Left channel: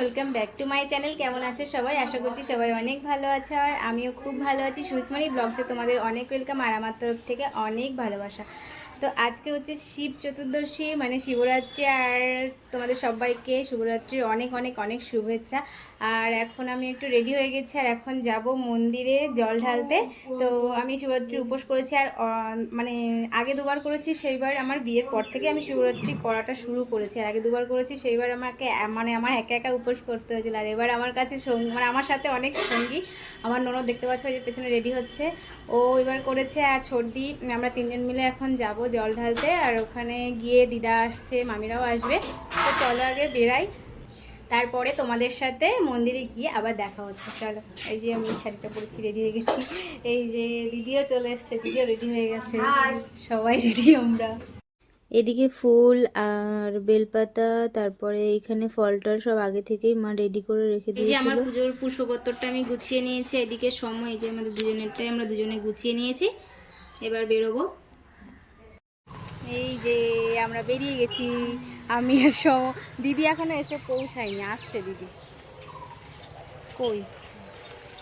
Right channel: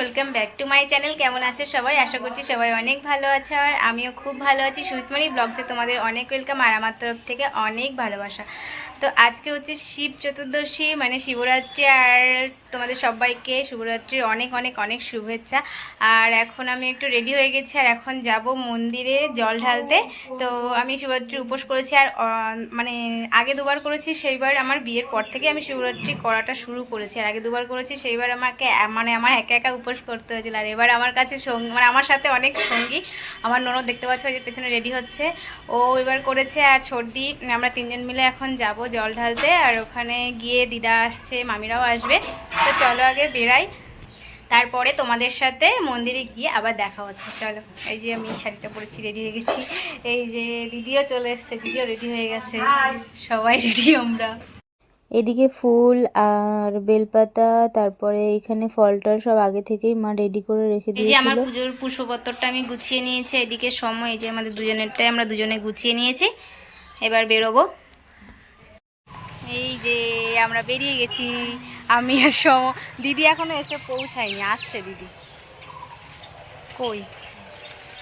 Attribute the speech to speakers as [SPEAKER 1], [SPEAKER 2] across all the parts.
[SPEAKER 1] Welcome back to my channel কেমন আছো সবাই? আশা করছি সবাই অনেক ভালো আছে আর আমিও খুব ভালো আছি। সুমিতমানি ব্লগসে তোমাদের অনেক ওয়েলকাম আর আমার তরফ থেকে অনেক ভালোবাসা। তো আজকে হচ্ছে শিব চতুর্দশী মানে শিবরাত্রি আর তোমাদের সবাইকে শিবরাত্রির অনেক অনেক অনেক শুভেচ্ছা। আর এখন আমি একটু রেডি হয়ে গেছি আর এখন যাব মন্দিরে জল ঢালতে। তো আমি শিবরাত্রির উপোস করেছি আর মানে আগে দুবার করেছি, সেইবার আমার বিয়ের পর থেকে আমি শিবরাত্রি করাটা শুরু করেছি। আর আগে দুবার করেছি, সেইবার আমাকে মানে আমার একা একা উপোস করতে হয়েছিল। আর এবার আমার কাছে সঙ্গী মানে আমার সাথে অনেক সঙ্গী। আমার ননদ দেখতে পাচ্ছ যে পেছনে রেডি হচ্ছে। ও এবার করেছে আর ছর্দি, আমরা তিনজন মিলে এখন যাব জল ঢালতে আর ওখানে গিয়ে দিদা আসছে মামিরাও আসবে। তো চলো আগে বেরাই তারপরে তোমাদের সাথে মন্দিরে গিয়ে আবার দেখা হচ্ছে। চলো এই যে আমি শাড়িটা পরেছি রেডি হয়ে গেছি। এই যে দিদিও চলে এসছে দিদিও রেডি হয়ে গেছে। সবাই রেডি আমরা।
[SPEAKER 2] এদিকে ফুল আর বেলপাতা তারপরে এখানে ফলটার সব আগে থেকেই মা রেডি করে রেখে
[SPEAKER 1] যে আমার পুজোর পুষ্পপত্রটা আমি গুছিয়ে নিয়েছি। এদিকে সময় এই যে আমাদের দুজনেরটাই আমরা দুজনে গুছিয়ে নিয়েছি। এবার বেরোবো। এই যে আমরা বেরিয়ে গেছি। আমি আর সম, দিদি এখনও এসে পৌঁছায়নি, আসছে দিদি। কই?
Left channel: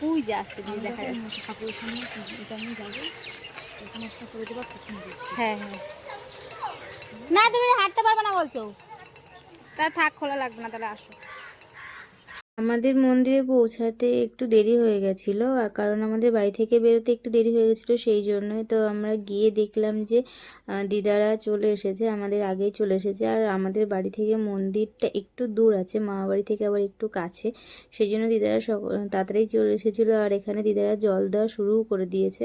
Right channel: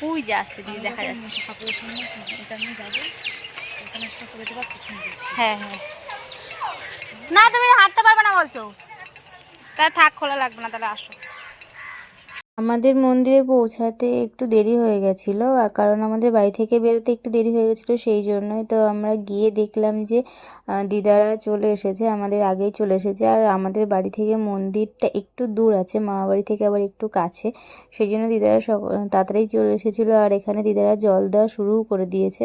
[SPEAKER 1] ওই যে আসছে দিদি, দেখা যাচ্ছে। হ্যাঁ হ্যাঁ। না, তুমি হাঁটতে পারবে না বলছো। তা থাক, খোলা লাগবে না, তাহলে আসো।
[SPEAKER 2] আমাদের মন্দিরে পৌঁছাতে একটু দেরি হয়ে গেছিল, আর কারণ আমাদের বাড়ি থেকে বেরোতে একটু দেরি হয়ে গেছিল সেই জন্যই তো আমরা গিয়ে দেখলাম যে দিদারা চলে এসেছে, আমাদের আগেই চলে এসেছে, আর আমাদের বাড়ি থেকে মন্দিরটা একটু দূর আছে মামা বাড়ি থেকে আবার একটু কাছে, সেই জন্য দিদারা সক, তাড়াতাড়ি চলে এসেছিল, আর এখানে দিদারা জল দেওয়া শুরুও করে দিয়েছে।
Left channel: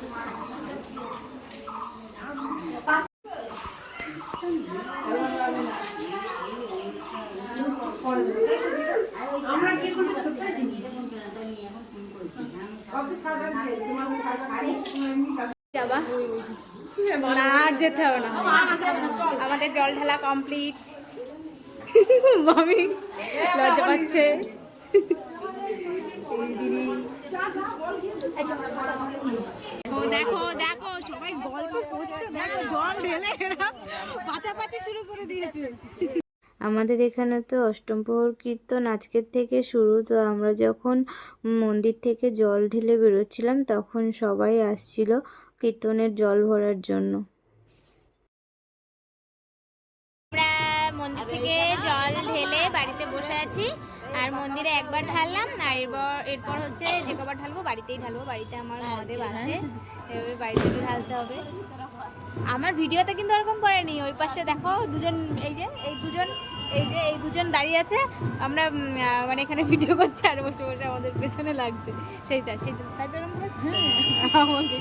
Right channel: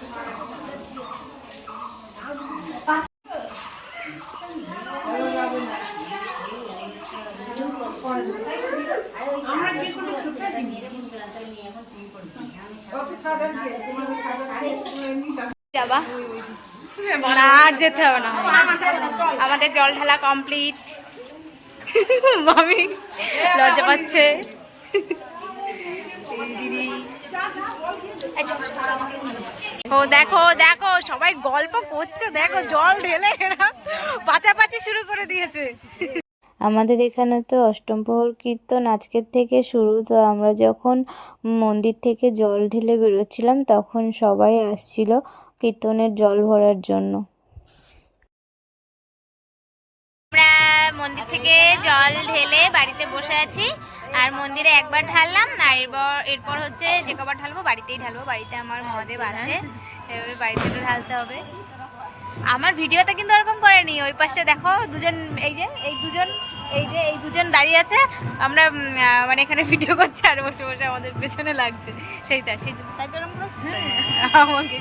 [SPEAKER 1] আর যেতে হবে না। আমাদের জল ঢালা কমপ্লিট মামি লজ্জা পাচ্ছে। ও, দেখো দেখো, সবাই গল্প করছে, দেখো, জল ঢেলে এরা পাচাপাচি শুরু করে দিয়েছে।
[SPEAKER 2] আমাদের এখানে তো অষ্টম প্রহর কীর্তন আজকের থেকে শুরু। তো আমরা যখন মন্দির থেকে জল ঢেলে বেরোচ্ছিলাম, তখন সবাই আসছিল কীর্তনের জল ভরার জন্য।
[SPEAKER 1] আমরা মন্দির থেকে জল ঢেলে বাড়িতে বসে আছি আর মন্দিরে একবার ঢাললাম, আর এরপর এরপর হচ্ছে যে কবার ঢালবো বাড়িতেই ঢালবো, বাড়িতে আমার মহাদেব আছে, এবার বাড়িতে তো ঢালতে হবে। আমার ভিডিওতে কিন্তু ওরকম করেনি, ওই পাশে দেখো দুজন, এই যে, এই দুজন এই যে এই দুজন দাঁড়িয়ে আছে আমরা মানে এখানে ভিডিও করছি আর বসে বসে আমাদের পেছনে লাগছে। সেইটা সেই জন্য। তাই তো? আমাকে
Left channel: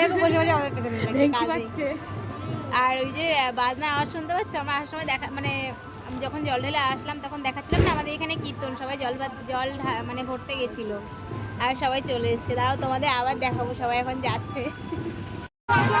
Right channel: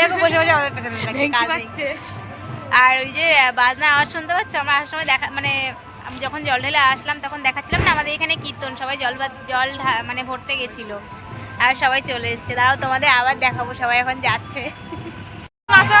[SPEAKER 1] দেখো বসে বসে আমাদের পেছনে লাগছে আর ওই যে বাজনা আওয়াজ শুনতে পাচ্ছ? আমরা আসার সময় দেখা মানে আমি যখন জল ঢেলে আসলাম তখন দেখাচ্ছিলাম না আমাদের এখানে কীর্তন সবাই জল জল মানে ভরতে গেছিল। আর সবাই চলে এসছে। তারাও তোমাদের আবার দেখাবো সবাই এখন যাচ্ছে। আচ্ছা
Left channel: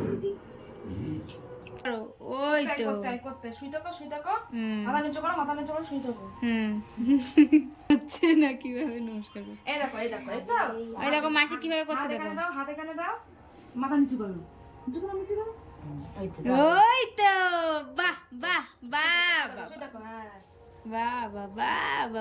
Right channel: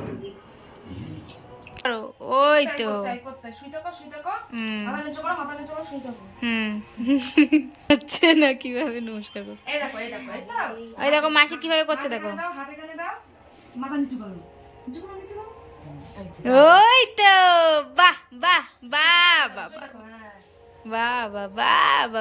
[SPEAKER 1] হচ্ছে না কীভাবে নমস্কার করো
[SPEAKER 3] তো।
[SPEAKER 1] ওই দেখো মাসি কীভাবে করছে দেখো।
[SPEAKER 4] তো।
[SPEAKER 1] ওই তো বাহ বাহ বাহ বাবা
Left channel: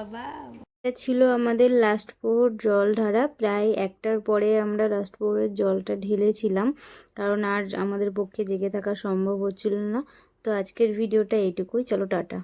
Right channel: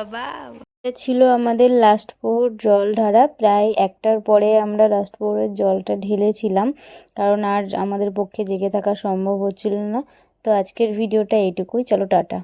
[SPEAKER 1] বাহ।
[SPEAKER 2] এটা ছিল আমাদের লাস্ট পোহর জল ঢারা। প্রায় একটার পরে আমরা লাস্ট পোহরের জলটা ঢেলেছিলাম, কারণ আর আমাদের পক্ষে জেগে থাকা সম্ভব হচ্ছিল না। তো আজকের ভিডিওটা এইটুকুই। চলো টাটা।